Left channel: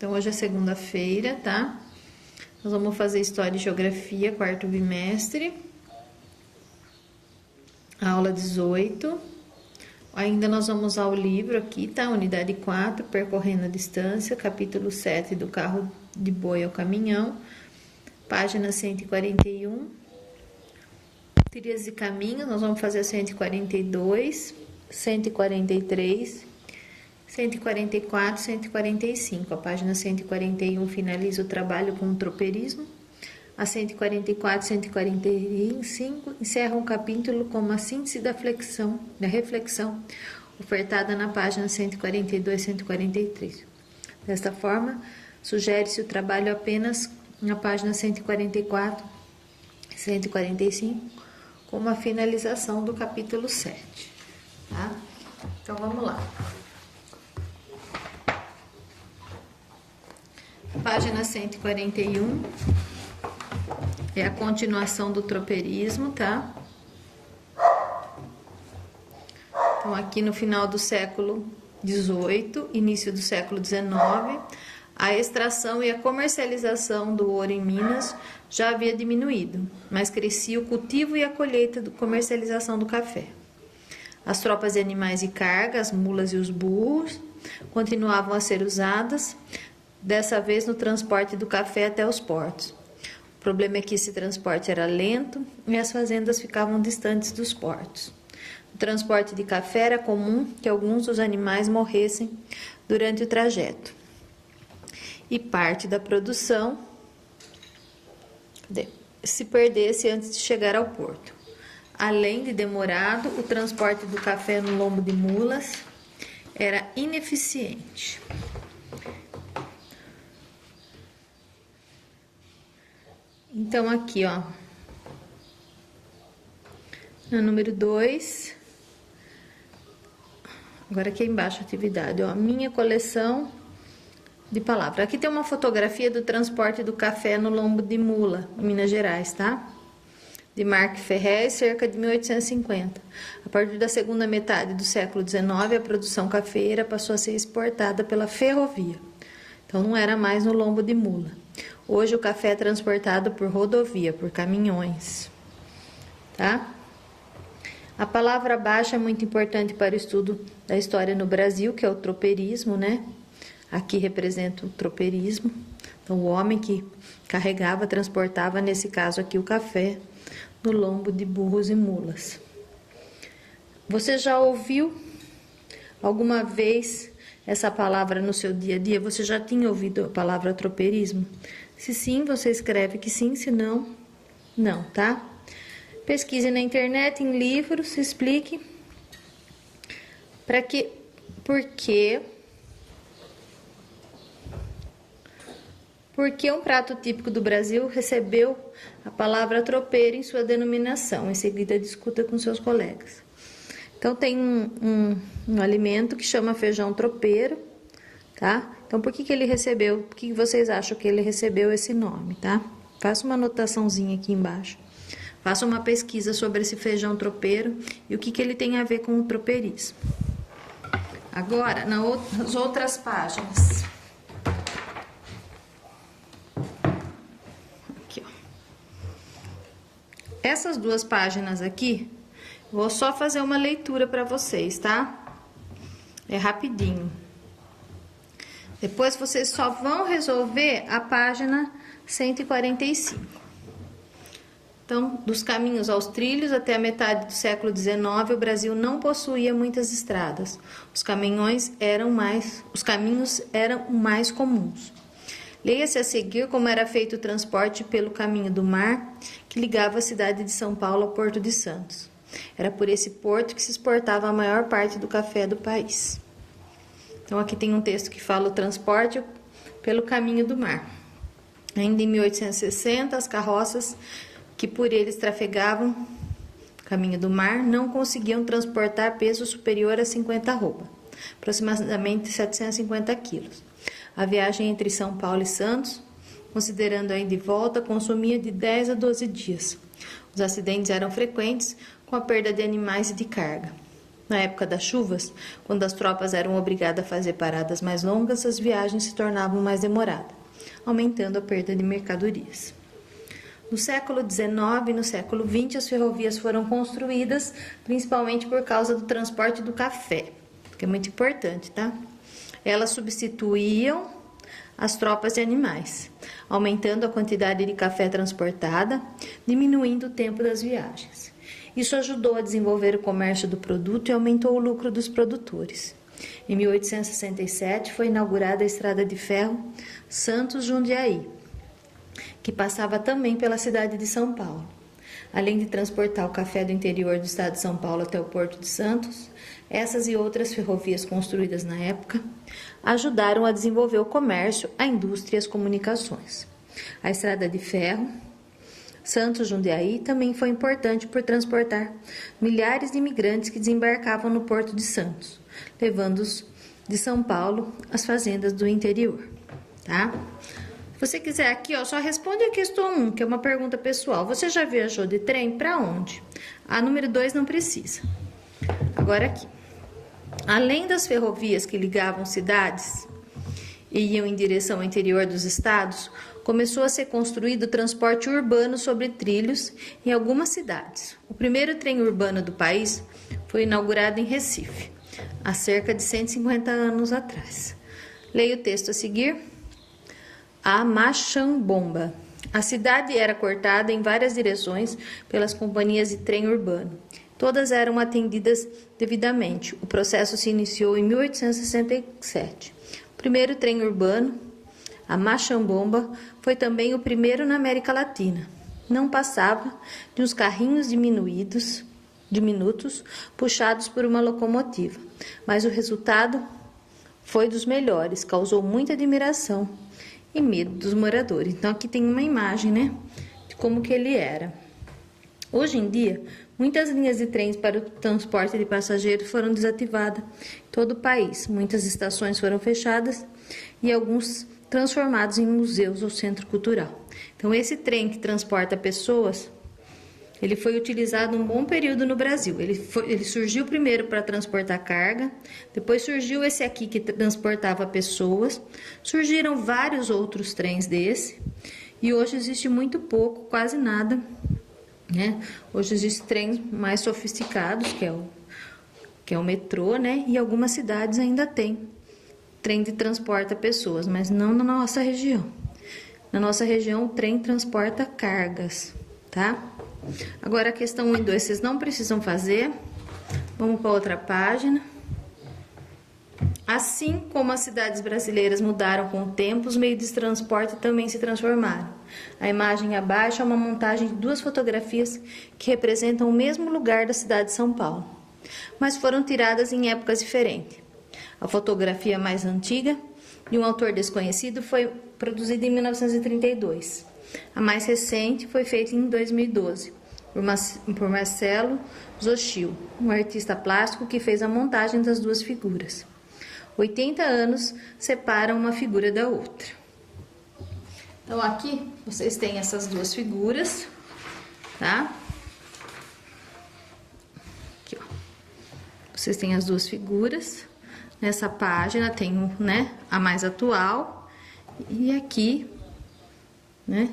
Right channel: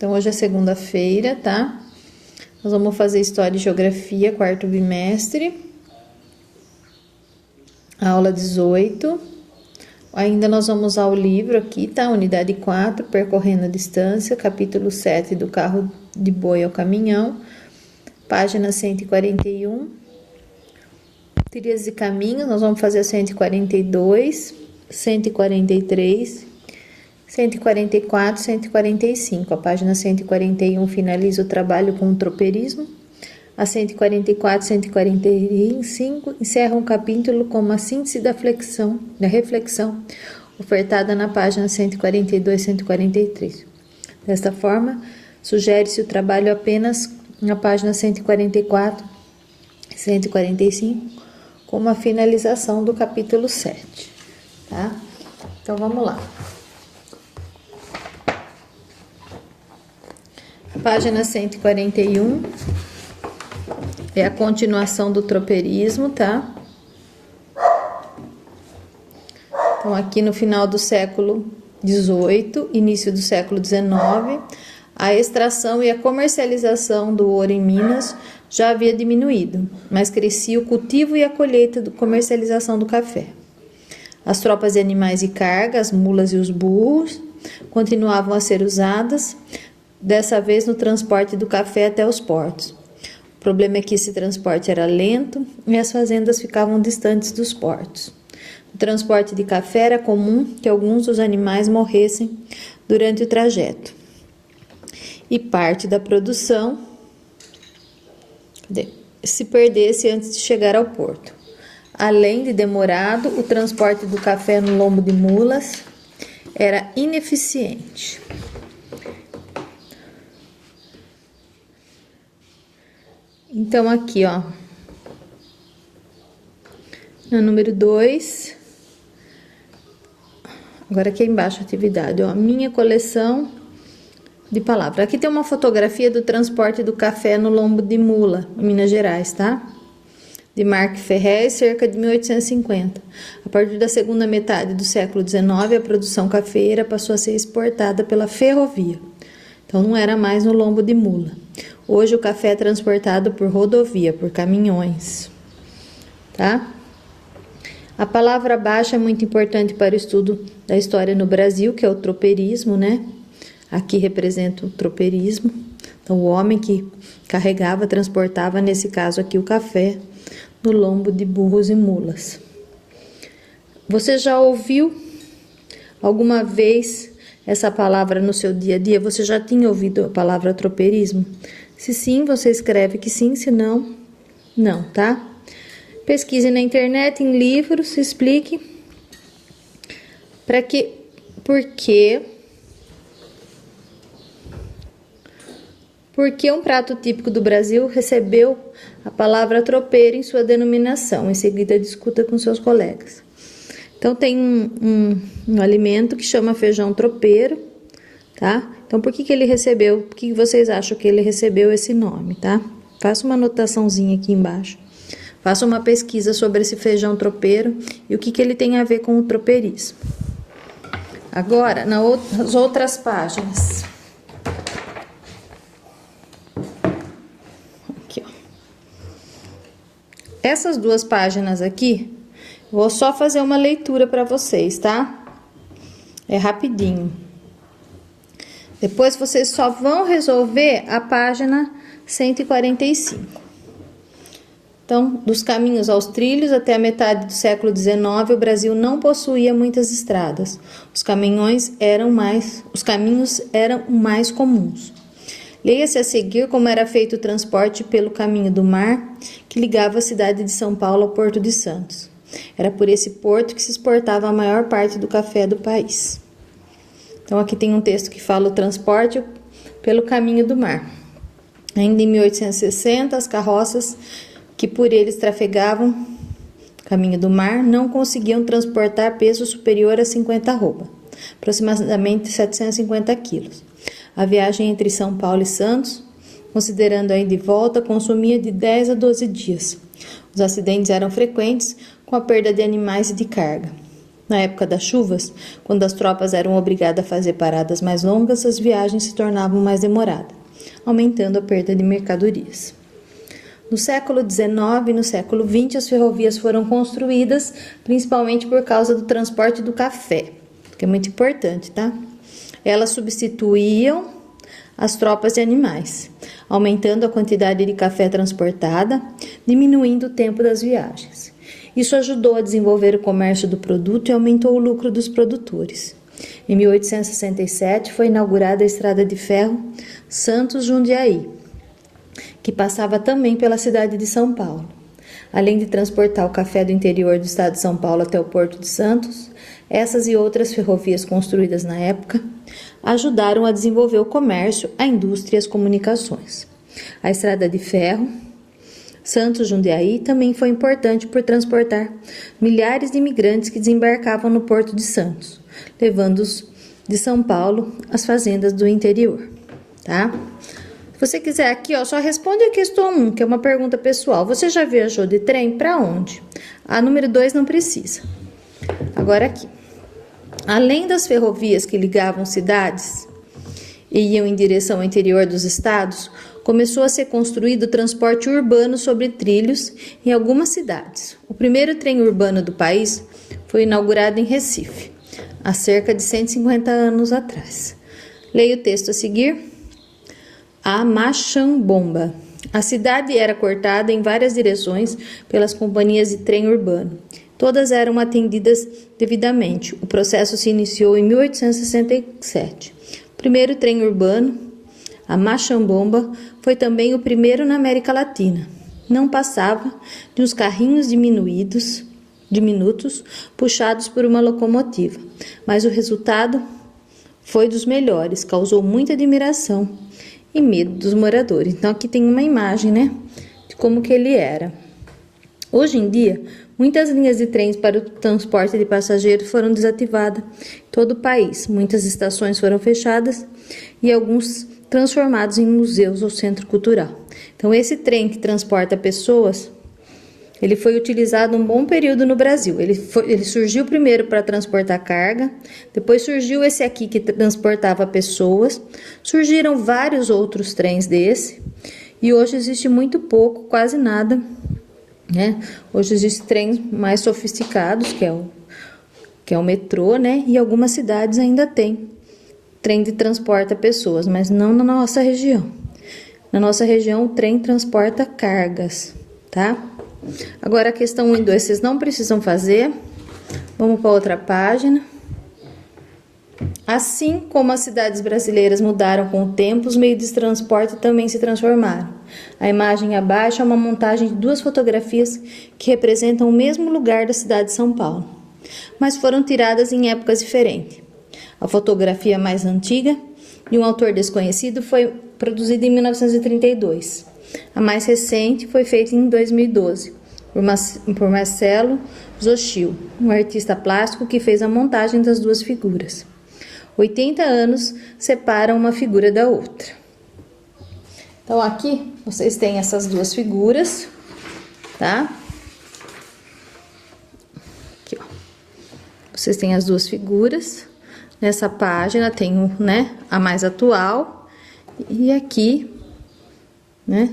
Então, hoje é segunda-feira, tá? Nós vamos fazer História e Geografia, quarto bimestre. Aula 18. Ainda nós vamos usar o livro aqui, tá? Unidade 4, Percorrendo a Distância, capítulo 7, do carro de boi ao caminhão. Página 141. Trilhas de caminho, nós vamos fazer a 142, 143, 144, 145. A página 141 finaliza o trabalho com o tropeirismo. A 144, 145 encerra um capítulo com uma síntese da reflexão ofertada na página 142, 143. Desta forma, sugere-se o trabalho apenas na página 144, 145, como a finalização do capítulo 7, tá? Então, vamos lá. A página 141 é a continuação do tropeirismo, tá? Então, aqui no final do século XVIII, início do século XIX, a extração e a comercialização do ouro em Minas já havia diminuído, mas crescia o cultivo e a colheita da comercialização do café. As tropas de animais de carga, as mulas e os burros, continuavam a ser usadas, dessa vez no transporte do café até os portos. O problema é que esse transporte era lento e as fazendas ficavam distantes dos portos. No transporte de café era comum que alguns dos animais morressem durante o trajeto. E parte da produção se perdesse antes de chegar ao porto. Além de demorado, o transporte do café no lombo de mulas era ineficiente. Então, aqui, ó, no número 2, agora aqui embaixo, atividade, ó, minha coleção de palavras. Aqui tem uma fotografia do transporte do café no lombo de mula, em Minas Gerais, tá? De Marque Ferrez, cerca de 1850. A partir da segunda metade do século XIX, a produção cafeeira passou a ser exportada pela ferrovia. Então, não era mais no lombo de mula. Hoje, o café é transportado por rodovia, por caminhões, tá? A palavra baixa é muito importante para o estudo da história no Brasil, que é o tropeirismo, né? Aqui representa o tropeirismo. Então, o homem que carregava, transportava, nesse caso aqui, o café no lombo de burros e mulas. Você já ouviu alguma vez essa palavra no seu dia a dia? Você já tinha ouvido a palavra tropeirismo? Se sim, você escreve que sim, se não, não, tá? Pesquise na internet, em livros, explique por que um prato típico do Brasil recebeu a palavra tropeiro em sua denominação. Em seguida, discuta com seus colegas. Então, tem um alimento que chama feijão tropeiro, tá? Então, por que ele recebeu, por que vocês acham que ele recebeu esse nome, tá? Faça uma anotaçãozinha aqui embaixo. Faça uma pesquisa sobre esse feijão tropeiro e o que ele tem a ver com o tropeirismo. Agora, nas outras páginas. Aqui, ó. Essas duas páginas aqui, vou só fazer uma leitura para vocês, tá? É rapidinho. Depois vocês só vão resolver a página 145. Então, dos caminhos aos trilhos, até a metade do século XIX, o Brasil não possuía muitas estradas. Os caminhos eram mais comuns. Leia-se a seguir como era feito o transporte pelo caminho do mar, que ligava a cidade de São Paulo ao Porto de Santos. Era por esse porto que se exportava a maior parte do café do país. Então, aqui tem um texto que fala o transporte pelo caminho do mar. Ainda em 1860, as carroças que por eles trafegavam caminho do mar não conseguiam transportar peso superior a 50 arroba, aproximadamente 750 quilos. A viagem entre São Paulo e Santos, considerando a ida e volta, consumia de 10 a 12 dias. Os acidentes eram frequentes, com a perda de animais e de carga. Na época das chuvas, quando as tropas eram obrigadas a fazer paradas mais longas, as viagens se tornavam mais demoradas, aumentando a perda de mercadorias. No século XIX e no século XX, as ferrovias foram construídas principalmente por causa do transporte do café, que é muito importante, tá? Elas substituíam as tropas de animais, aumentando a quantidade de café transportada, diminuindo o tempo das viagens. Isso ajudou a desenvolver o comércio do produto e aumentou o lucro dos produtores. Em 1867 foi inaugurada a estrada de ferro Santos-Jundiaí, que passava também pela cidade de São Paulo. Além de transportar o café do interior do estado de São Paulo até o Porto de Santos, essas e outras ferrovias construídas na época ajudaram a desenvolver o comércio, a indústria e as comunicações. A estrada de ferro Santos-Jundiaí também foi importante por transportar milhares de imigrantes que desembarcavam no Porto de Santos, levando-os de São Paulo às fazendas do interior, tá? Se você quiser aqui, ó, só responde a questão 1, que é uma pergunta pessoal. Você já viajou de trem para onde? A número 2 não precisa. Agora aqui. Além das ferrovias que ligavam cidades e iam em direção ao interior dos estados, começou a ser construído o transporte urbano sobre trilhos em algumas cidades. O primeiro trem urbano do país foi inaugurado em Recife, há cerca de 150 anos atrás. Leia o texto a seguir. A Machambomba. A cidade era cortada em várias direções pelas companhias de trem urbano. Todas eram atendidas devidamente. O processo se iniciou em 1867. O primeiro trem urbano, a Machambomba, foi também o primeiro na América Latina. Não passava de uns carrinhos diminutos, puxados por uma locomotiva, mas o resultado foi dos melhores, causou muita admiração e medo dos moradores. Então aqui tem uma imagem, né, de como que ele era. Hoje em dia, muitas linhas de trens para o transporte de passageiros foram desativadas em todo o país. Muitas estações foram fechadas e alguns transformados em museus ou centro cultural. Então esse trem que transporta pessoas, ele foi utilizado um bom período no Brasil. Ele surgiu primeiro para transportar carga, depois surgiu esse aqui que transportava pessoas, surgiram vários outros trens desse, e hoje existe muito pouco, quase nada, né? Hoje existem trens mais sofisticados, que é o metrô, né? E algumas cidades ainda tem trem que transporta pessoas, mas não na nossa região. Na nossa região, o trem transporta cargas, tá? Agora a questão 1 e 2 vocês não precisam fazer. Vamos para outra página. Assim como as cidades brasileiras mudaram com o tempo, os meios de transporte também se transformaram. A imagem abaixo é uma montagem de duas fotografias que representam o mesmo lugar da cidade de São Paulo, mas foram tiradas em épocas diferentes. A fotografia mais antiga, de um autor desconhecido, foi produzida em 1932. A mais recente foi feita em 2012, por Marcelo Zochil, um artista plástico que fez a montagem das duas figuras. 80 anos separam uma figura da outra. Então aqui vocês têm essas duas figuras, tá? Aqui, ó. Vocês têm as duas figuras. Nessa página tem, né, a mais atual e aqui, né?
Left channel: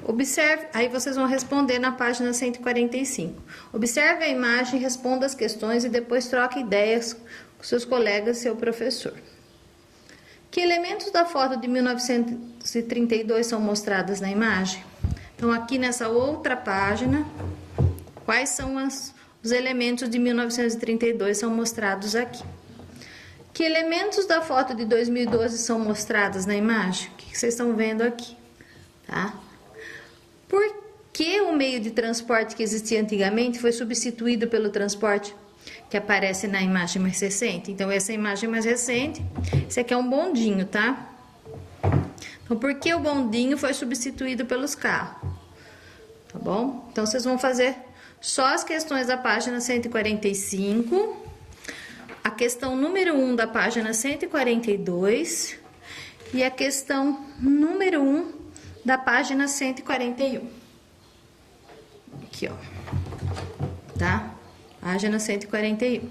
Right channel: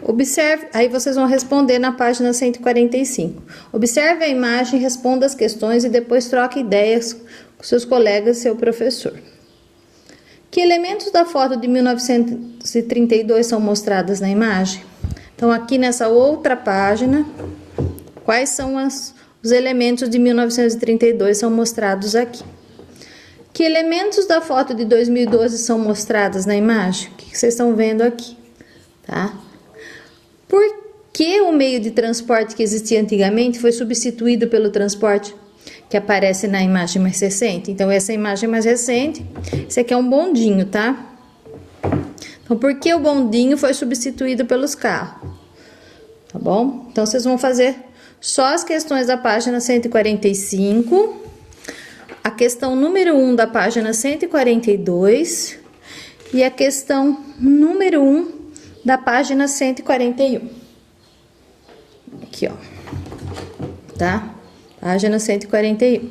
Observe, aí vocês vão responder na página 145. Observe a imagem, responda as questões e depois troque ideias com seus colegas e seu professor. Que elementos da foto de 1932 são mostrados na imagem? Então, aqui nessa outra página, quais são os elementos de 1932 são mostrados aqui? Que elementos da foto de 2012 são mostrados na imagem? O que vocês estão vendo aqui? Tá? Por que o meio de transporte que existia antigamente foi substituído pelo transporte que aparece na imagem mais recente? Então, essa é a imagem mais recente. Esse aqui é um bondinho, tá? Então, por que o bondinho foi substituído pelos carros? Tá bom? Então, vocês vão fazer só as questões da página 145, a questão número 1 da página 142 e a questão número 1 da página 141. Aqui, ó. Tá? Página 141.